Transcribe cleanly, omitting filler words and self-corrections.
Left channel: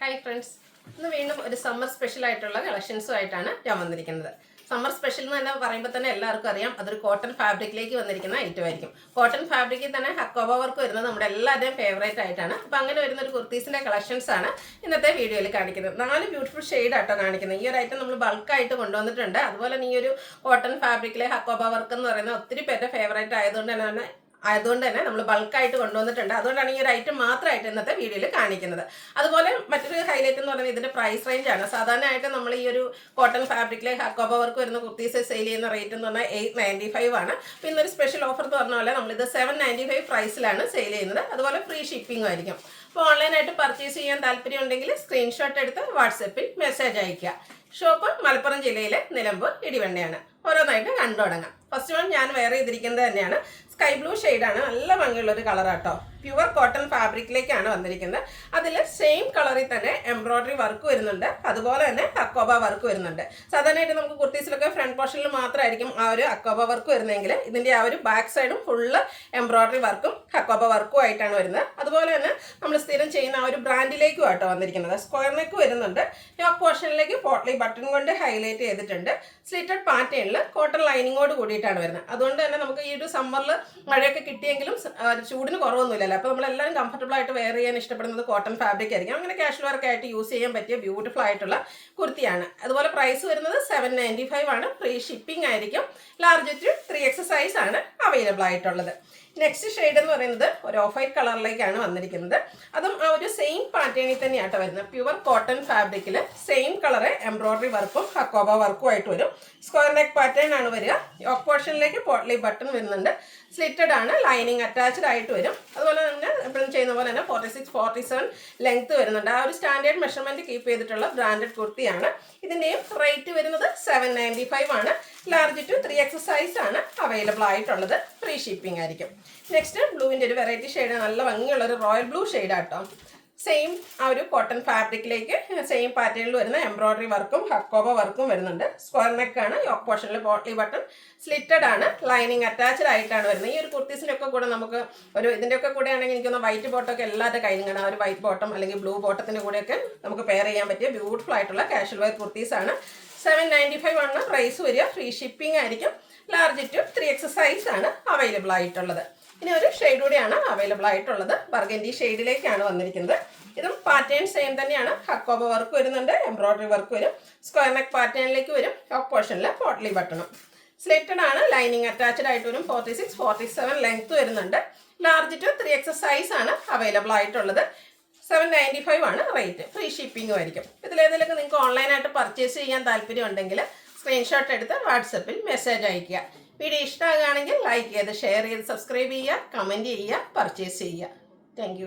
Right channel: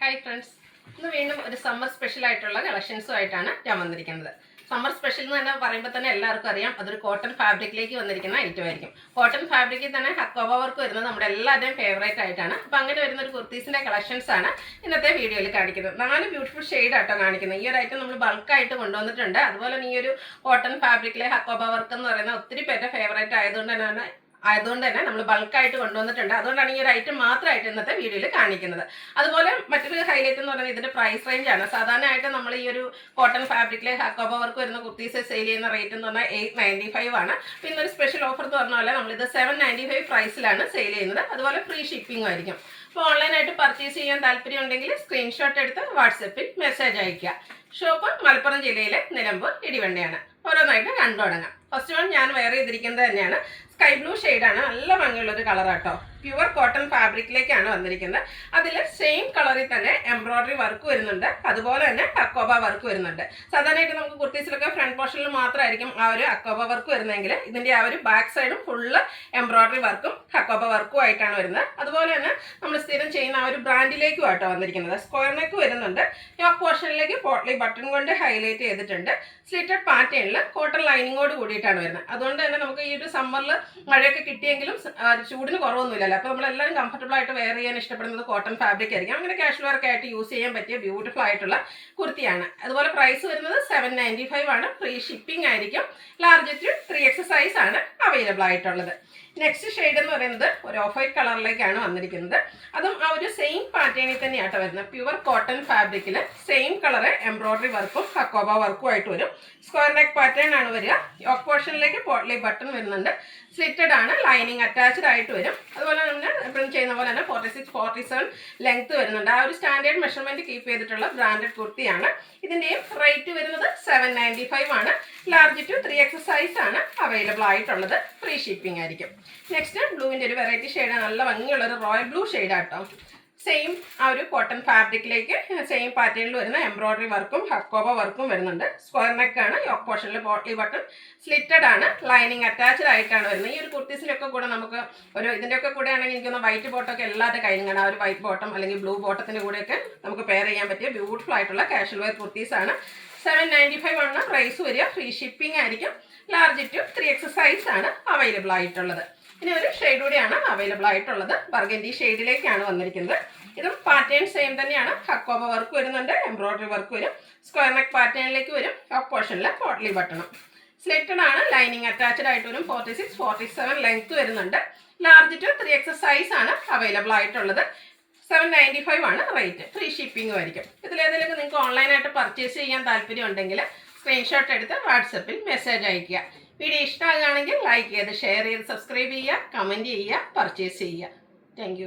Hi friends, ഇന്ന് വീണ്ടും ഒരു സമ്മർ സ്പെഷ്യൽ ആയിട്ടുള്ള കളക്ഷൻസുമായിട്ടാണ് ഞാൻ വന്നിരിക്കുന്നത്. സമ്മർ സ്പെഷ്യൽ എന്ന് തന്നെ പറയുമ്പോൾ തന്നെ എല്ലാവർക്കും അറിയാം, അതൊരു കോട്ടൺ ഫാബ്രിക്കിലേക്ക് വന്നിരിക്കുന്ന ഐറ്റം ആയിരിക്കും. കോട്ടൺ ഫാബ്രിക്കിൽ തന്നെ ഹക്കോബ വർക്ക് വരുന്നത് നമ്മുടെ എല്ലാവരുടെയും ഫേവറേറ്റ് ആയിട്ടാണ്. അപ്പോൾ അങ്ങനെ വരുന്ന ഒരു കുർത്തീസിൻ്റെ കളക്ഷൻസ് ആണ് ഇന്നത്തെ വീഡിയോയിൽ കാണിക്കുന്നത്. 4 ബ്യൂട്ടിഫുൾ ഷെയ്ഡ് ആട്ടോ കാണിക്കുന്നത്. ഈ ഒരു ഐറ്റം നമ്മൾ ബൾക്കായിട്ട് കൊണ്ടുവന്നിട്ടുണ്ട്. അതുപോലെ തന്നെ ഈ ഒരു കോട്ടൺ ഫാബ്രിക്കിലെ ഹക്കോബ വർക്ക് എന്ന് പറയുന്ന ഒത്തിരി പേരുടെ ഫേവറേറ്റ് ആയതുകൊണ്ട് തന്നെ നമ്മൾ ബൾക്കായിട്ട് കൊണ്ടുവന്നിട്ടുണ്ട്. അതുകൊണ്ടാണ് ഈ ഒരു ഐറ്റം മാത്രമായിട്ട് ഇന്നത്തെ വീഡിയോയിൽ കാണിക്കുന്നത്. അതുപോലെ മറ്റൊരു ഹൈലൈറ്റ് എന്ന് പറയുന്നത് ഇതിൻ്റെ പ്രൈസ് റേഞ്ച് ആണ്. സാധാരണയായിട്ട് നമ്മൾ ഈ ഒരു കോട്ടൺ ഫാബ്രിക്കിലെ ഹക്കോബ വർക്ക് വരുന്ന കുർത്തീസ് സെയിൽ ചെയ്യുന്ന റേറ്റ് എന്ന് പറഞ്ഞാൽ 895 ആണ്. അപ്പോൾ ഇന്നൊരു സ്പെഷ്യൽ ഓഫർ എന്ന് പറഞ്ഞാൽ നമ്മളിത് 795 പ്രൈസിലാണ് സെയിൽ ചെയ്യുന്നത്. അതുപോലെ ഫ്രീ ഷിപ്പിംഗും ആയിരിക്കും. അപ്പോൾ ഓൺലൈനായിട്ട് പർച്ചേസ് ചെയ്യാൻ താല്പര്യം ഉണ്ടെങ്കിൽ സ്ക്രീൻഷോട്ട് എടുത്ത് വാട്സപ്പിൽ മെസ്സേജ് അയയ്ക്കുക. ഷോപ്പ് മലപ്പുറം ജില്ലയിലെ നിലമ്പൂർ ഇടിവണ്ടിയാണ്. ഓരോന്നായിട്ട് കണ്ടു തുടങ്ങാം. ഫസ്റ്റ് വൺ ഞാൻ വെയർ ചെയ്തിരിക്കുന്നത് തന്നെയാണ്. സ്കൈ ബ്ലൂ ഷെയ്ഡാണ്. നല്ല ഭംഗിയുള്ളൊരു കളറാട്ടോ. പ്യുവർ കോട്ടൺ ഫാബ്രിക്കിലേക്കാണ് വന്നിരിക്കുന്നത്. അതിൽ സെയിം കളറിൽ തന്നെ എംബ്രോയ്ഡറി വർക്ക് വരുന്നുണ്ട്. അതുപോലെ തന്നെ അക്കോബ വർക്ക് വരുന്നുണ്ട്. സാധാരണയായിട്ട് നമുക്ക് കുർത്തീസിലൊക്കെ ഫ്രണ്ട് പോർഷനിൽ മാത്രമായിരിക്കും ആ ഒരു അക്കോബ വർക്ക് വരുന്നതെങ്കിൽ ഇതിൻ്റെ ആ ഒരു ബാക്ക് സൈഡും ഫുള്ള് എംബ്രോയ്ഡറി വർക്കും അക്കോബ വർക്കും ആയിട്ടാണ് വരുന്നത്. അതുപോലെ തന്നെ നമ്മൾ സ്ഥിരം ചെയ്യുന്ന ആ ഒരു ബ്രാൻഡിലേക്കും ആട്ടോ വന്നിരിക്കുന്നത്. സ്ക്വയർ നെക്ക് വരുന്നുണ്ട്. യോക്ക് പോർഷനിലേക്ക് പോട്ട്ലി ബട്ടൺ കൊണ്ട് ഹൈലൈറ്റ് ചെയ്തിട്ടുണ്ട്. സ്ലിറ്റഡ് പാറ്റേണിൽ കോട്ടൺ ലൈനിങ്ങോട് കൂടിയിട്ടാണ് വരുന്നത്. അതുകൊണ്ട് തന്നെ നമുക്ക് ഈ ഒരു സമ്മറിൽ മഴയൊക്കെ കിട്ടിയെങ്കിലും ചൂടിന് കുറവൊന്നുമില്ലല്ലോ. അപ്പോൾ നമ്മളെല്ലാവരും കംഫർട്ടബിൾ ആയിട്ട് വെയർ ചെയ്യാൻ ഇഷ്ടപ്പെടുന്നത് കോട്ടൺ ഫാബ്രിക് ആയിരിക്കും. അങ്ങനെ കാഷ്വൽ വർക്ക് ആയിട്ട് യൂസ് ചെയ്യാൻ പറ്റിയ ബ്യൂട്ടിഫുൾ ആയിട്ടുള്ള കുർത്തിയാണ്. അതുപോലെ പ്രൈസ് വരുന്നത് 795 ആണ്. ഫ്രീ ഷിപ്പിംഗ് ആയിരിക്കും. ലാർജ് ടു 3X സൈസ് ആണ് അവൈലബിൾ ആയിട്ടുള്ളത്. നെക്സ്റ്റ് ഷെയ്ഡ് എന്ന് പറയുന്നത് ഒരു ഓഫ് വൈറ്റ് കളറിലേക്കാണ് വന്നിരിക്കുന്നത്. അതും ആ ഒരു സെയിം പാറ്റേണിൽ തന്നെയാട്ടോ വരുന്നത്. പ്യുവർ കോട്ടൺ ഫാബ്രിക്കിൽ സെയിം കളറ് എംബ്രോയ്ഡറി വർക്കും ഹക്കോബ വർക്കും ആയിട്ട് വരും. സ്ക്വയർ നെക്ക് പാറ്റേൺ ആണ് വരിക. യോക്ക് പോർഷനിലേക്ക് പോട്ട്ലി ബട്ടൺ വരുന്നുണ്ട്. സ്ലിറ്റഡ് ആണ്. ലൈനിങ് അറ്റാച്ച്ഡ് ആയിട്ട് വരും. അതുപോലെ തന്നെ എപ്പോഴും ചെയ്യുന്ന പോലെ തന്നെ 46-47 ലെങ്ത് വരുന്നുണ്ട്. ആ ഒരു സ്റ്റാൻഡേർഡ് മെഷർമെൻറ്റ് കീപ്പ് ചെയ്തിട്ടുള്ള ബ്രാൻഡഡ് കുർത്തിയാണ്. ഇതിൻ്റെയും റേറ്റ് വരുന്നത് 795 ആണ്. ലാർജ് ടു 3X സൈസ് ആണ് അവൈലബിൾ ആയിട്ടുള്ളത്. ഫ്രീ ഷിപ്പിംഗ് ആയിരിക്കും. നെക്സ്റ്റ് ബ്ലൂവിൻ്റെ ഒരു വെറൈറ്റി ഷെയ്ഡാണ്. നല്ല ഭംഗിയുള്ളൊരു റോയൽ ബ്ലൂ ഷെയ്ഡാട്ടോ. സെയിം ആ ഒരു കോട്ടൺ ഫാബ്രിക്കിലേക്ക് സെയിം പാറ്റേണിൽ വരുന്ന എംബ്രോയ്ഡറി വർക്കും ഹക്കോബ വർക്കും വരുന്നുണ്ട്. സ്ക്വയർ നെക്കാണ്. യോക്ക് പോർഷനിൽ പോട്ട്ലി ബട്ടൺ സ്ലിറ്റഡ് ആണ്. ലൈനിങ് അറ്റാച്ച്ഡ് ആയിട്ടാണ് വരുന്നത്. ഈ ഒരു കുർത്തീസിലൊക്കെ കൂടെ നമുക്ക് ഒരു ഇതിൻ്റെയൊക്കെ കൂടെ ആണെങ്കിൽ എനിക്കൊന്ന് വൈറ്റ് ബോട്ടമൊക്കെ എല്ലാവരുടെ കയ്യിലാണ്. ആ ഒരു വൈറ്റ് ബോട്ടം അല്ലെങ്കിൽ ബ്ലൂ ബോട്ടത്തിൻ്റെ കൂടെയൊക്കെ നമുക്ക് പെയർ ചെയ്യാൻ പറ്റിയ ബ്യൂട്ടിഫുൾ ആയിട്ടുള്ള കാഷ്വൽ വെയർ കുർത്തീസാണ്. 795 ആണ് പ്രൈസ് വരിക. ഫ്രീ ഷിപ്പിംഗ് ആയിരിക്കും. ലാർജ് ടു 3X സൈസ് ആണ് അവൈലബിൾ ആയിട്ടുള്ളത്. ഇനി ഒരു ഷെയ്ഡ് കൂടിയാണ് അവൈലബിൾ ആയിട്ടുള്ളത്. ബർഗൻഡി ഷെയ്ഡിലേക്കാണ് വന്നിരിക്കുന്നത്. ഇതും പാറ്റേൺ സെയിം തന്നെയാണ്. ഹക്കോബ വർക്ക് വരുന്നുണ്ട്. എംബ്രോയ്ഡറി വർക്ക് വരും. സ്ക്വയർ നെക്ക് പാറ്റേണിലേക്ക് വരും. ടോപ്പ് പോർഷനിൽ പോട്ട്ലി ബട്ടണും സ്ലിറ്റഡ് ആണ്. ലൈനിങ് അറ്റാച്ച്ഡ് ആയിട്ട് വരും. 46-47 ലെങ്ത് വരുന്നുണ്ട്. ലാർജ് ടു 3X സൈസ് ആണ് അവൈലബിൾ ആയിട്ടുള്ളത്. 795 ആണ് റേറ്റ്. ഫ്രീ ഷിപ്പിംഗും ആയിരിക്കും. ഇതിലേതെങ്കിലുമൊക്കെ നിങ്ങൾക്ക് ഓൺലൈനായിട്ട് പർച്ചേസ് ചെയ്യാൻ താല്പര്യം ഉണ്ടെങ്കിൽ സ്ക്രീൻഷോട്ട് എടുത്ത് വാട്സപ്പിൽ മെസ്സേജ് അയയ്ക്കുക. വീഡിയോ ഇഷ്ടമാകുകയാണെങ്കിൽ ലൈക്ക് ചെയ്ത് ഷെയർ ചെയ്ത് സബ്സ്ക്രൈബ് ചെയ്യുക, കമൻറ്റ് ചെയ്യുക, പർച്ചേസ് ചെയ്യുക. താങ്ക്